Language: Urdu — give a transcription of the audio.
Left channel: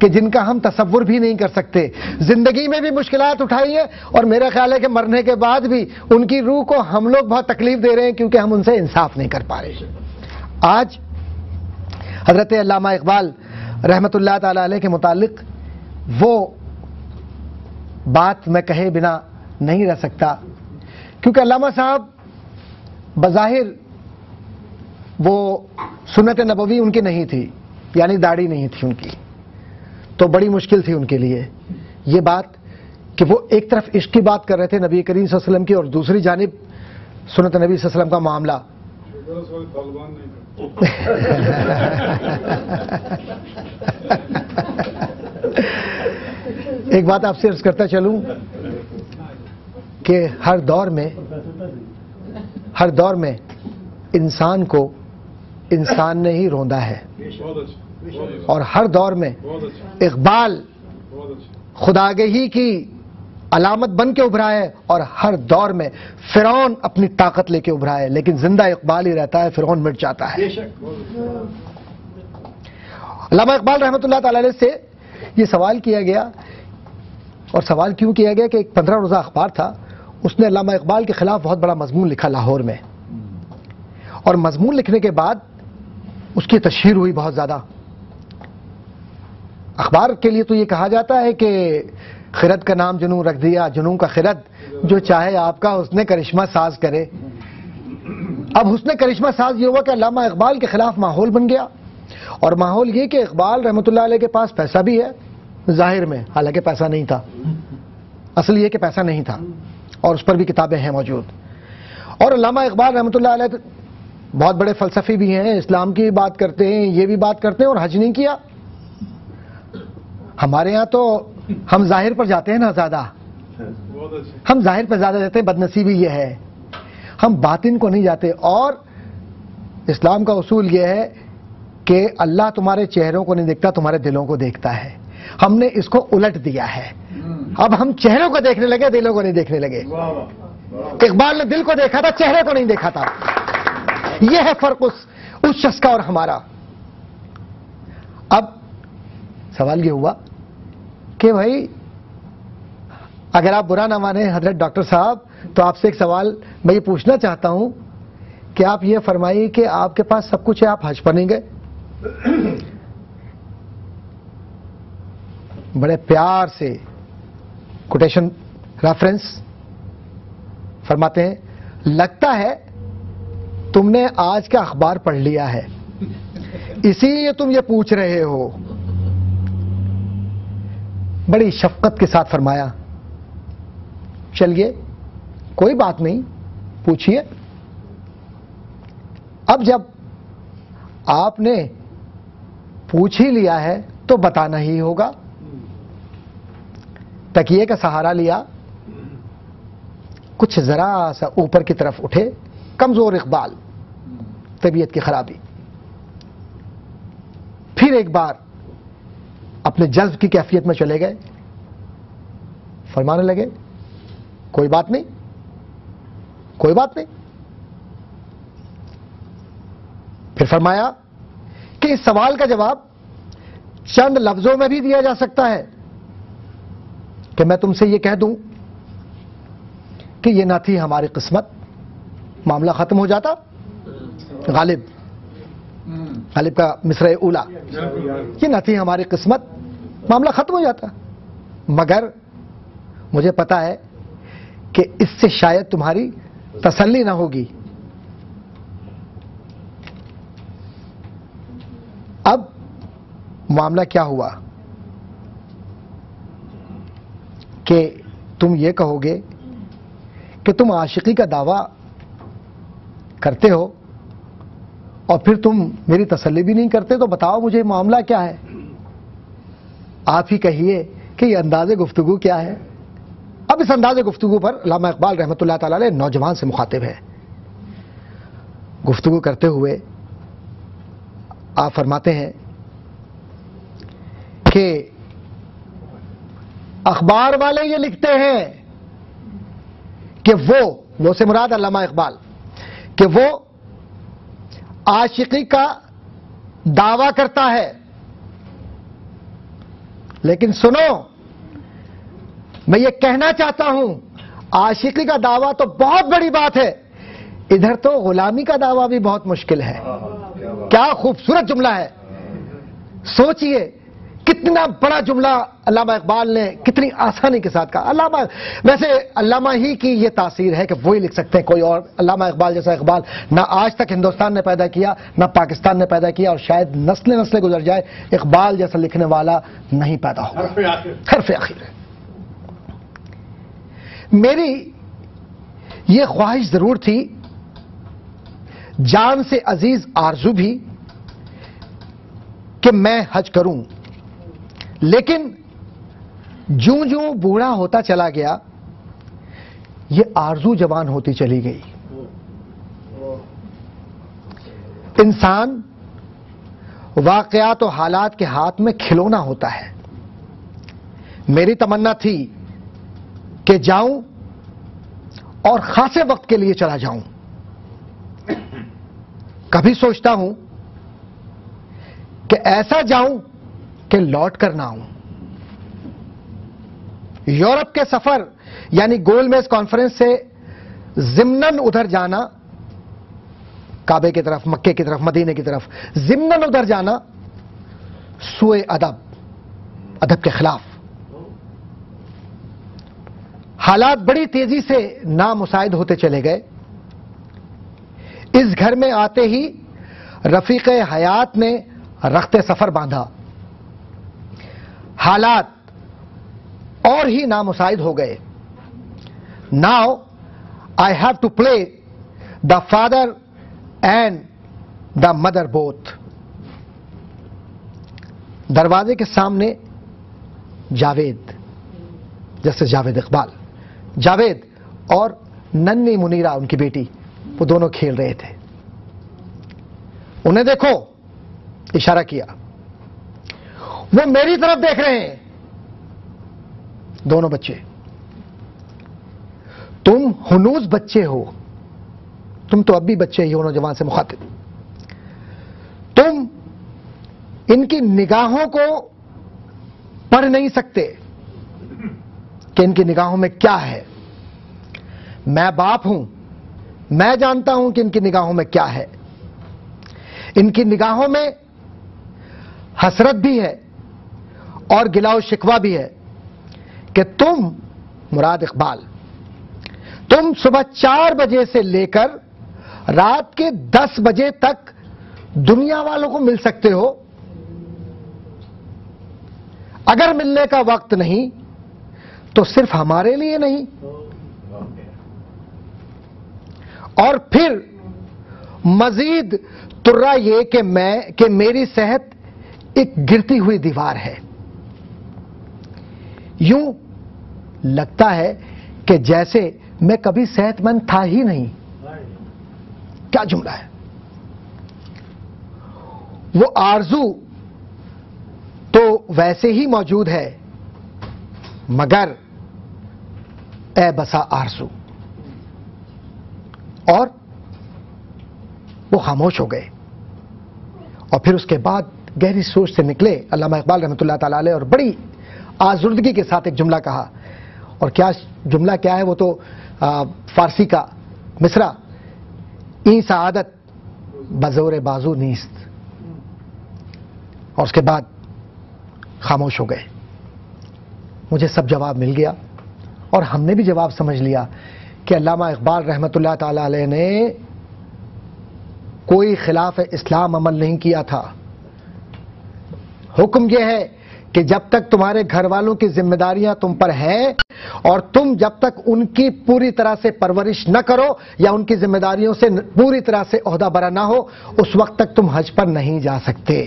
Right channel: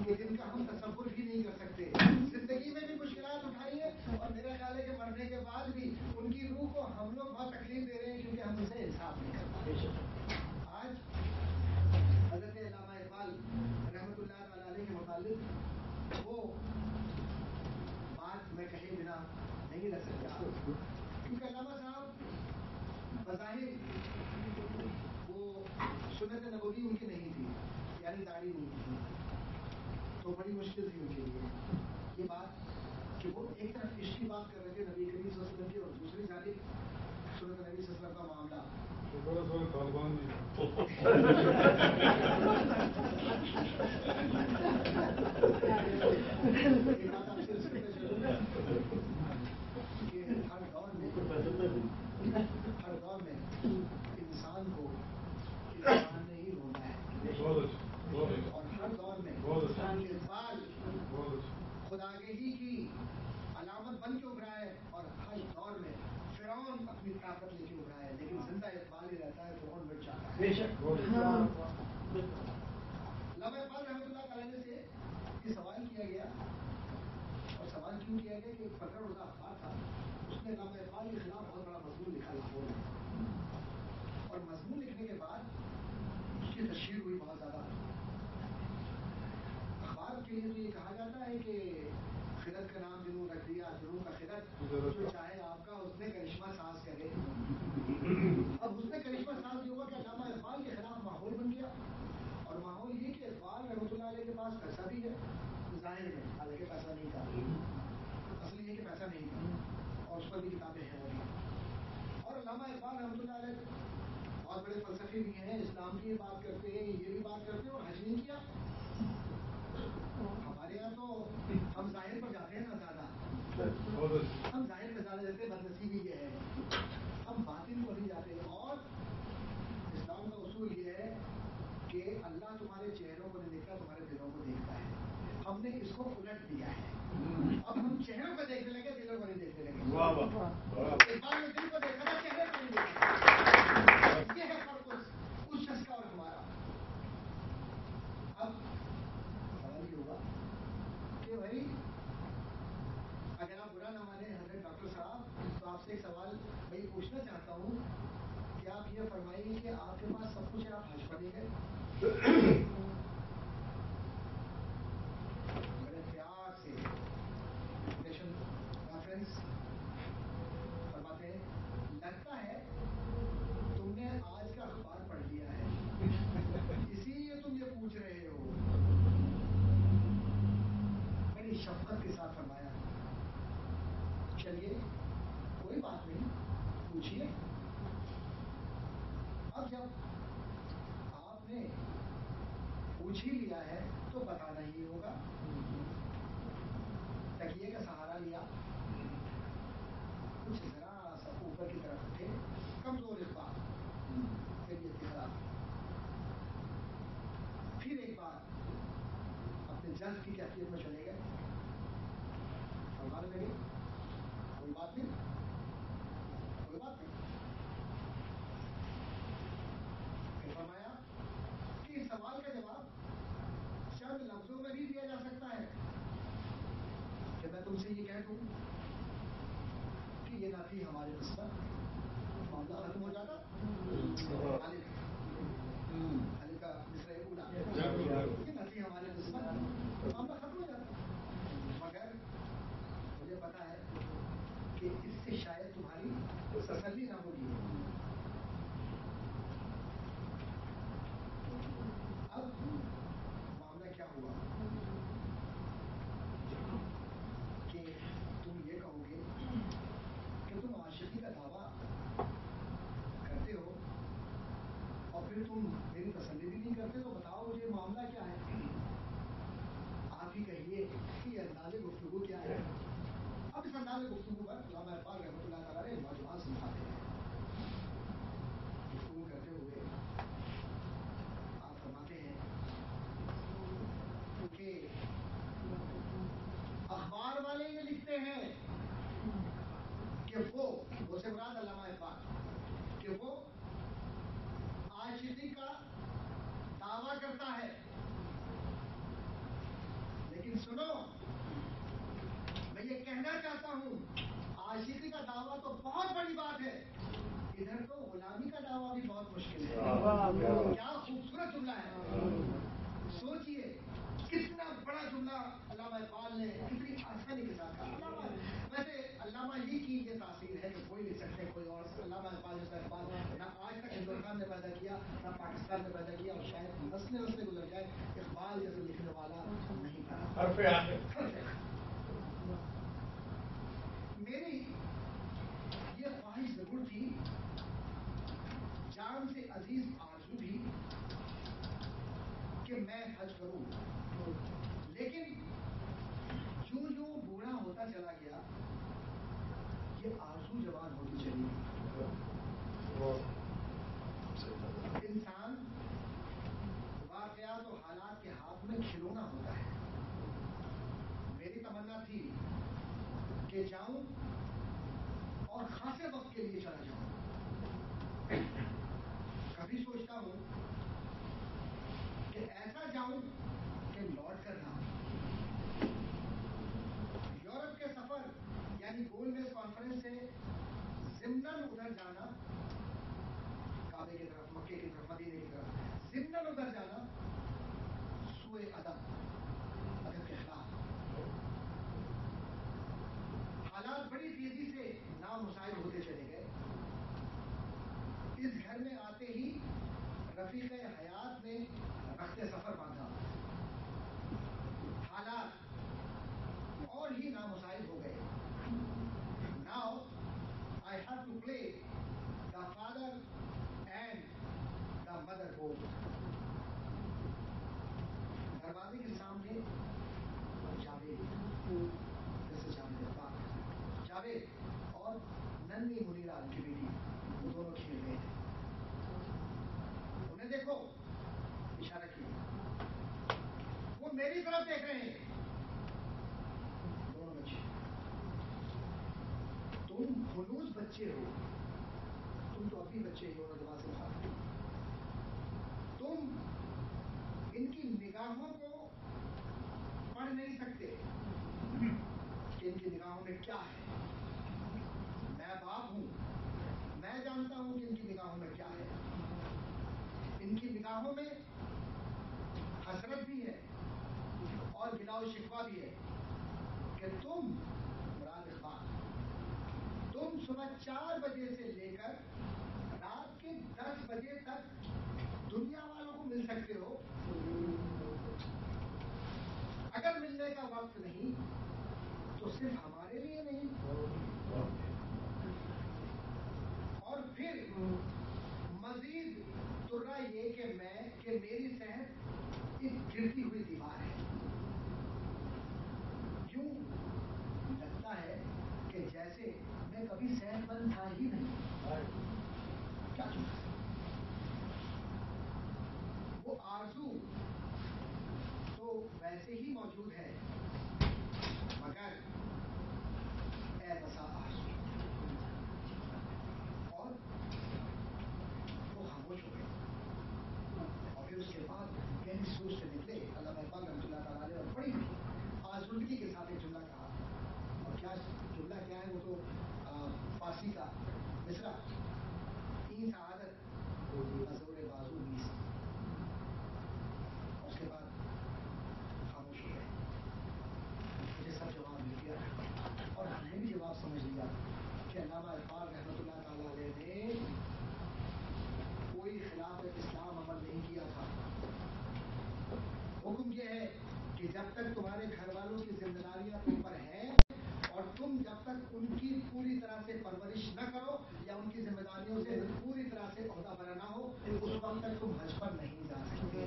کہ جن کا ہم تصور بھی نہیں کر سکتے. زندگی میں بھی مشکلات اٹھائی ہیں اور میرا خیال ہے کہ مرنے کے بعد بھی ان کی روح کو ہم لوگ بہت تکلیف دے رہے ہیں کیونکہ ہم ان سے انصاف نہیں کر پا رہے. آج حضرت علامہ اقبال رحمۃ اللہ تعالی علیہ کے متعلق وہ بات میں کہے بنا نہیں رہ سکتا، کیونکہ علامہ صاحب بظاہر وہ سنت نبوی ان کی نہیں تھی، یعنی داڑھی نہیں تھی ان کی، تو بڑی مشکل تھی ان کے لیے یہ بات کہ وہ ایک طرف عشق کی بات کر رہے تھے نبی کریم صلی اللہ علیہ وسلم کی، اور دوسری جانب سنت نبی صلی اللہ علیہ وسلم کا معاملہ. ایک بات آپ سے عرض کرتا چلوں کہ ہر دور میں انسان کو انسان نے ہی روندا ہے، اور ہر دور میں اقبال خداگہی کی علامت بن کے ابھرا ہے، اور ہر دور میں فرعون اپنی طاقت لے کے ابھرا ہے، لیکن زندہ اقبال ہی رہتا ہے، فرعون مٹ جاتا ہے. علامہ اقبال رحمۃ اللہ تعالی علیہ سے یہ سوال کیا گیا، اور سوال کیوں کیا گیا کہ ایک 15 روزہ اخبار تھا، اس نے علامہ اقبال کے خلاف بہت بڑا مضمون لکھا لاہور میں، اور مضمون لکھنے کے بعد اس کی تشہیر ہوئی بہت زیادہ. اخبار کے لیے تو یہ کہا جاتا ہے کہ خرد کا نام جنوں رکھ دیا، جنوں کا خرد، جو چاہے آپ کا حسن کرشمہ ساز کرے. اب حسن کرشمہ ساز یہ ہوا کہ علامہ اقبال کے خلاف ماحول بن گیا، اور ماحول یہ کہ اقبال رحمۃ اللہ علیہ کے پاس پیسہ بھی ہے ظاہر میں، حالانکہ پیسہ نہیں تھا، اصل یہ کہ پیسہ نہیں تھا، اور اس پر بھی کتابیں ہیں موجود. اور علامہ اقبال رحمۃ اللہ علیہ بہت بڑے فلسفی بھی ہیں، اسلام کی بات کرتے ہیں، یہ بھی بات کرتے ہیں، اور حج نہیں کیا. ہمارے ہاں تو ہم ظاہر پر جاتے ہیں نا زیادہ، ہم ظاہر پر زیادہ جاتے ہیں، بدنصیبی یہ ہے، ہم باطن کو نہیں جاتے. اور اسلام کا اصول یہ ہے کہ اللہ تمہارے چہروں کو نہیں دیکھتا، تمہارے دلوں کو دیکھتا ہے. ہم نے اس کو الٹ دیا ہے، اب ہم چہروں کو دیکھنے لگے، دلوں کو نہیں دیکھنے لگے. اقبال نے دل کو دیکھا تھا، چہرے کو نہیں دیکھا تھا. یہ ہے فرق اس شخص کا اور ہمارا. اب سوال یہ ہوا کہ بھائی اگر آپ برا نہ مانیں حضرت ڈاکٹر صاحب، تو آپ سے ایک سوال میں یہ پوچھنا چاہتا ہوں کہ آپ یہ فرمائیے کہ آپ کے پاس سب کچھ ہے، آپ حج پر نہیں گئے. بڑے پیار سے کوٹیشن ریفرنس فرماتے ہیں، لگتا ہے تم نے آج کا اخبار پڑھ لیا ہے، اسی لیے تم یہ پوچھ رہے ہو. بڑی شفقت کے ساتھ فرمایا، چلیے کوئی بات نہیں، پوچھئے. اب جب آپ نے پوچھ ہی لیا ہے تو بتانا ہی ہوگا. تکیے کا سہارا لیا، کچھ ذرا سا اوپر کی طرف اٹھے، کمزور اقبال، طبیعت کی خرابی. پھر ایک بار اپنے جذب کی کیفیت میں چلے گئے، فرمانے لگے کوئی بات نہیں، کوئی بات نہیں. پھر فرمایا کہ اس سوال کا جواب چند لفظوں میں بھی دیا جا سکتا ہے کہ میں تم سے یہ کہہ دوں کہ یہ نہ تھی ہماری قسمت، معاملہ ختم ہو جاتا. غالب کا مصرع اولا، یہ نہ تھی ہماری قسمت، معاملہ ختم ہو جاتا. مگر مجھے پتا ہے کہ اس سے شاید تمہاری تسلی نہ ہوگی. اب معاملہ کیا ہوا کہ تم یہ کہو گے کہ تم عاشقی کا دعویٰ کرتے ہو اور پھر تم میری تسلی بھی نہیں کرتے، تو بتاؤ مجھے معاملہ کیا ہے. آپ ہی کہیے کہ یہ انداز گفتگو کیا ہے. اب اس انداز گفتگو پر علامہ اقبال رحمۃ اللہ تعالی علیہ نوجوان سے مخاطب ہے. گفتگو کرتے ہوئے آپ فرماتے ہیں کہ اخبار والے یہ لکھتے ہیں کہ وہ سے مراد علامہ اقبال، کہ وہ عاشقی کا دعویٰ کرتا ہے لیکن سنو، میں یہ کہنا چاہتا ہوں، عاشقی کا دعویٰ تو بہت بڑی بات ہے، ادھر تو غلامی کا دعویٰ بھی بہت مشکل ہے۔ کیا خوبصورت جملہ ہے، سوچئے کتنا بڑا جملہ علامہ اقبال نے کتنی آسانی کے ساتھ کہا۔ ویسے علامہ ہی کی یہ تاثیر ہے کہ وہی لکھ سکتے ہیں، کوئی اور علامہ اقبال جیسا اقبال نہ آج تک ہندوستان نے پیدا کیا، نہ پاکستان نے پیدا کیا، اور شاید نسلیں گزر جائے اقبال جیسا لکھنے والا نہیں پیدا ہوگا۔ حرف آخر ہے۔ میری یہ خواہش ضرور تھی، جان سے عزیز آرزو بھی، کہ میں حج کروں، لیکن جوں جوں بوڑھا ہوتا چلا گیا یہ آرزو جوان ہوتی چلی گئی۔ انسان واقعات و حالات کے ہاتھ میں کھلونا ہوتا ہے۔ میری تمنا تھی کہ جاؤں اور خاصے وقت کے لیے چلا جاؤں۔ کبھی سوچتا ہوں کہ ایسا جاؤں کہ لوٹ کر نہ آؤں۔ یورپ کے سفر یعنی گول میز کانفرنس سے ضمناً ادھر جانا، کعبے کی طرف، مکے کی طرف، مدینے کی طرف ضمناً ادھر جانا سوء ادب کے خلاف۔ حالات بڑی تیزی سے نامساعد ہوتے چلے گئے۔ اس گھر میں آتے ہی رفیق حیات نے رخت سفر باندھا۔ حالات اور ہی نامساعد ہو گئے۔ Now I have to play the father and the mother both. دروازے کے سامنے جاوید، جیسے جاوید اقبال، جاوید اور ننھی منیرہ ان کی بیٹی، وہ دونوں کھیل رہے تھے۔ انہیں دیکھو، اشارہ کیا، وہ میری طرف دیکھ رہے ہیں، دونوں بچے۔ تم ہنوز بچے ہو، تم تو اب بھی بچے ہی ہو، نوجوان سے مخاطب۔ تم ان کی نگاہوں کو پڑھ نہیں سکتے کہ ان کی نگاہوں میں کیا ہے۔ میں باپ ہوں، میں جانتا ہوں کہ ان کی نگاہوں میں کیا ہے۔ ان کی نگاہوں میں حسرت بھی ہے اور گلا و شکوہ بھی ہے کہ تم، مراد اقبال، تم صبح 4 بجے سے لے کر رات کے 10 بجے تک دنیا والوں کو مل سکتے ہو، اگر ملنے کا وقت نہیں تو صرف ہمارے لیے نہیں۔ اور پھر مزید ترا یہ کہ میری صحت ایک گرتی ہوئی دیوار ہے۔ یوں لگتا ہے کہ جیسے میں کبھی صحت مند تھا ہی نہیں۔ کیا جملہ ہے! وہ آرزو تو ویسے ہی موجود ہے، مگر اے بسا آرزو۔ اور وہ خاموش ہو گئے، اور پھر اس کے بعد گہری سوچ سے نکلے علامہ اقبال رحمۃ اللہ تعالی علیہ، اور بڑی آزردگی کے ساتھ ایک جملہ کہا۔ اور کیا جملہ کیا ہے، وہ تو فارسی کا مصرع، این سعادت بزور بازو نیست۔ اور اس کے بعد خاموش ہو گئے۔ مجھے سب جواب مل گیا، اور ہم نے بھی جواب سمجھ لیا کہ علامہ اقبال رحمۃ اللہ تعالی علیہ نے کوئی خلاف اسلام عمل نہیں کیا تھا۔ حکم یہ ہے کہ جب تک تمہارے گھر والوں کی ذمہ داریاں تم پر ہیں اور تم جب تک ان کی پوری طرح سے پرورش نہ کرو یا ان کی ذمہ داریوں سے پوری طرح سے عہدہ برا نہ ہو، اس وقت تک تم حج پر نہیں جا سکتے۔